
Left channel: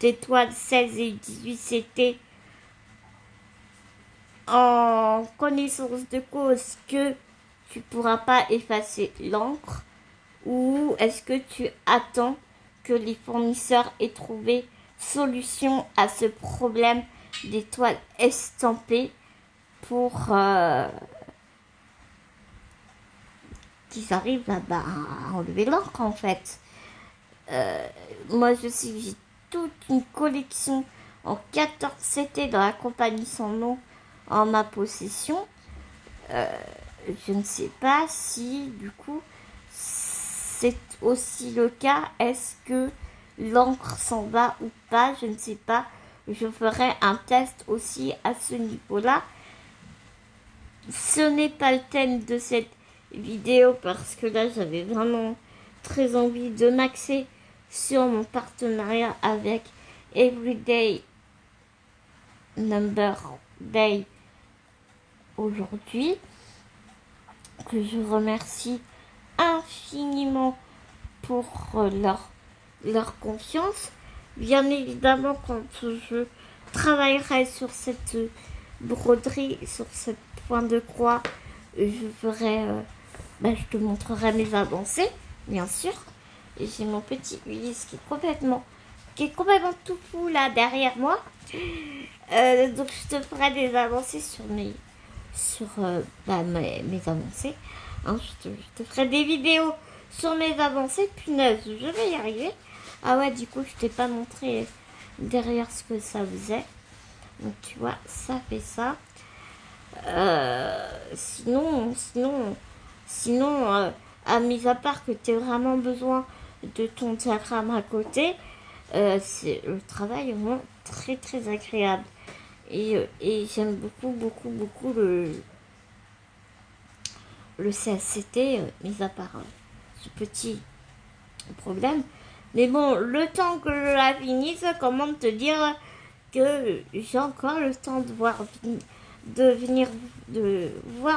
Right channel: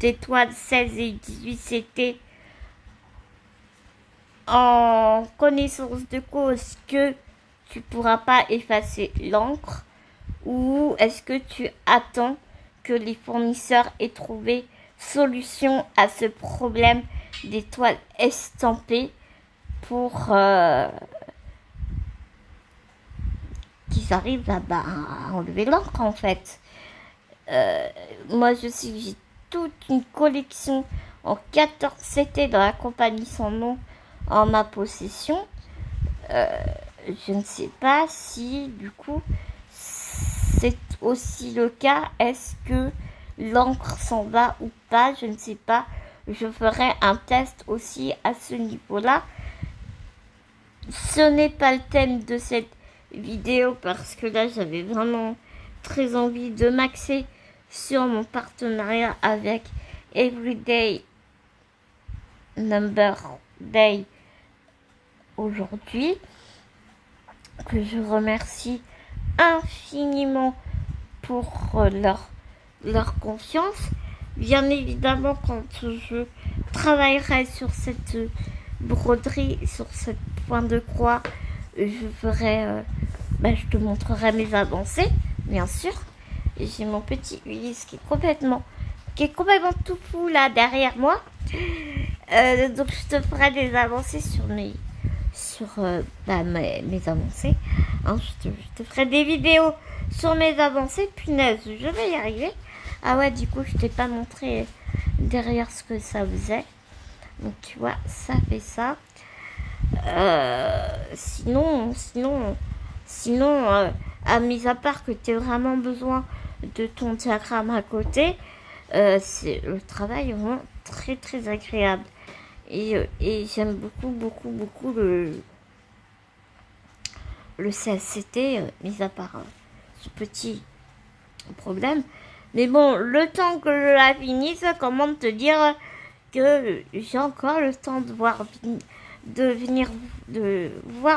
étoile 16 et 18, c'était en connaissance de cause que tu pourras pas effacer l'encre, ou est-ce que tu attends que les fournisseurs aient trouvé solution à ce problème d'étoiles estampées pour qu'ils arrivent à enlever l'encre, en fait. Moi, j'ai toute une collection en 14 CT dans la compagnie sans nom en ma possession. Je ne sais pas si, du coup, c'est aussi le cas. Est-ce que l'encre s'en va ou pas? Je ne sais pas. Je ferai un test aussi à ce niveau-là. Ce n'est pas le thème de cette vidéo parce que là, j'avais vraiment très envie de m'axer sur mon partenariat avec Everyday Number Day aujourd'hui, que je remercie infiniment pour leur confiance. Bien évidemment, quand je travaillerai sur cette broderie, sur cette point de croix, je ferai, je te montrerai mes avancées, bien sûr. Et j'ai mon petit Ulysse qui est complètement tout fou là derrière moi. Donc je te ferai des avancées sur mes avancées. Hein, je te ferai des vidéos sur mes avancées. Punaise, je vais y arriver. Ah ouais, du coup, je t'ai pas montré derrière ce que ça faisait. Donc tu vois, ça fait ça. Sinon, mis à part que tu as vraiment besoin de ton diagramme à côté, c'est le travail vraiment très très agréable. Et j'aime beaucoup le CSCT, mis à part ce petit problème. Mais bon, le temps que je la finisse, comment te dire que j'ai encore le temps de voir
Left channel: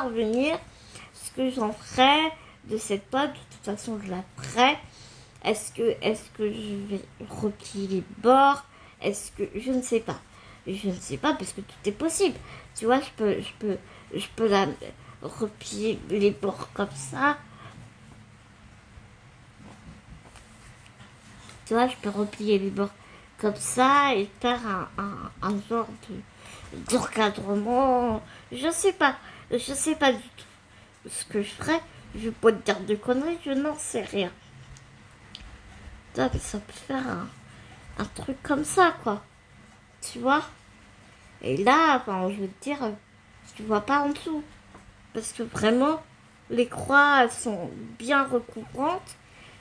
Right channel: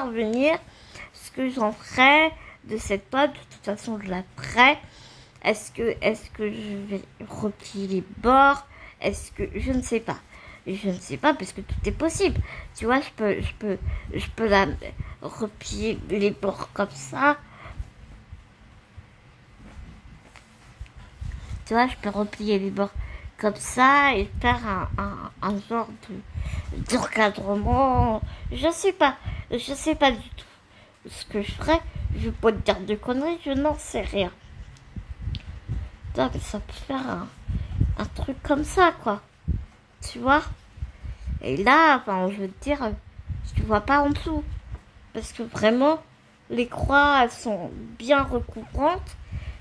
venir ce que j'en ferai de cette pâte. De toute façon, je la ferai. Est-ce que je vais replier les bords? Est-ce que je ne sais pas. Je ne sais pas parce que tout est possible. Tu vois, je peux la replier les bords comme ça. Tu vois, je peux replier les bords comme ça et faire un genre d'encadrement. Je sais pas du tout ce que je ferai. Je vais pas te dire de conneries, je n'en sais rien. Ça peut faire un truc comme ça, quoi. Tu vois? Et là, enfin, je veux te dire, tu vois pas en dessous. Parce que vraiment, les croix, elles sont bien recouvrantes.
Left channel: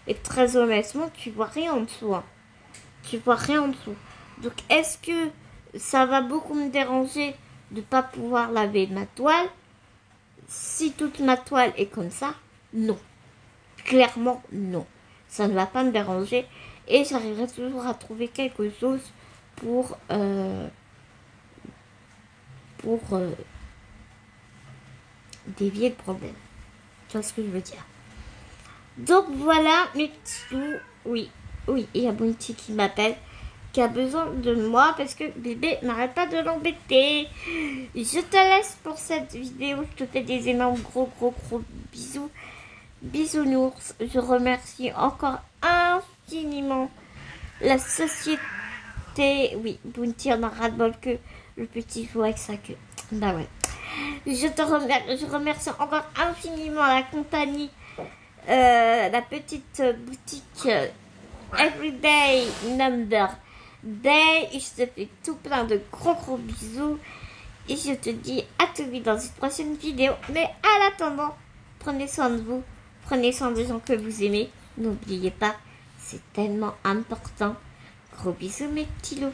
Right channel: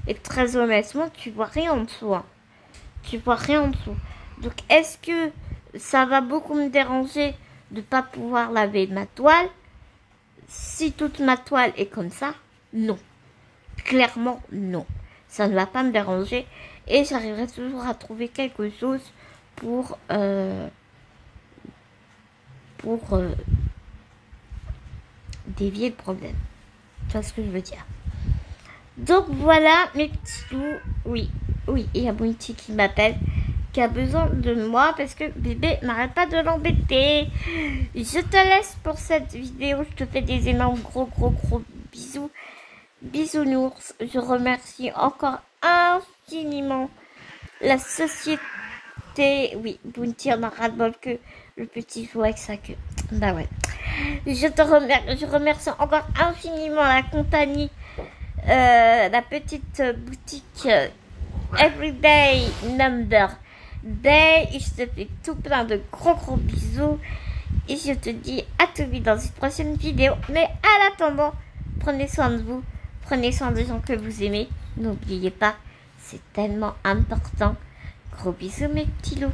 Et très honnêtement, tu vois rien en dessous. Hein. Tu vois rien en dessous. Donc, est-ce que ça va beaucoup me déranger de pas pouvoir laver ma toile? Si toute ma toile est comme ça, non. Clairement, non. Ça ne va pas me déranger. Et j'arriverai toujours à trouver quelque chose pour dévier le problème. Tu vois ce que je veux dire? Donc voilà mes petits loups. Oui, il y a Bounty qui m'appelle. qui a besoin de moi parce que bébé n'arrête pas de l'embêter. Je te laisse pour cette vidéo. Je te fais des énormes gros bisous. Bisounours. Je remercie encore infiniment la société. Oui, Bounty en a ras-le-bol que le petit fou avec sa queue. Bah ouais. Je remercie encore infiniment la compagnie, la petite boutique Everyday Number Day. Et je te fais tout plein de gros bisous. Et je te dis à tout vite dans une prochaine vidéo. Mais à l'attendant, prenez soin de vous. Prenez soin des gens que vous aimez. N'oubliez pas, c'est tellement important. Gros bisous mes petits loups.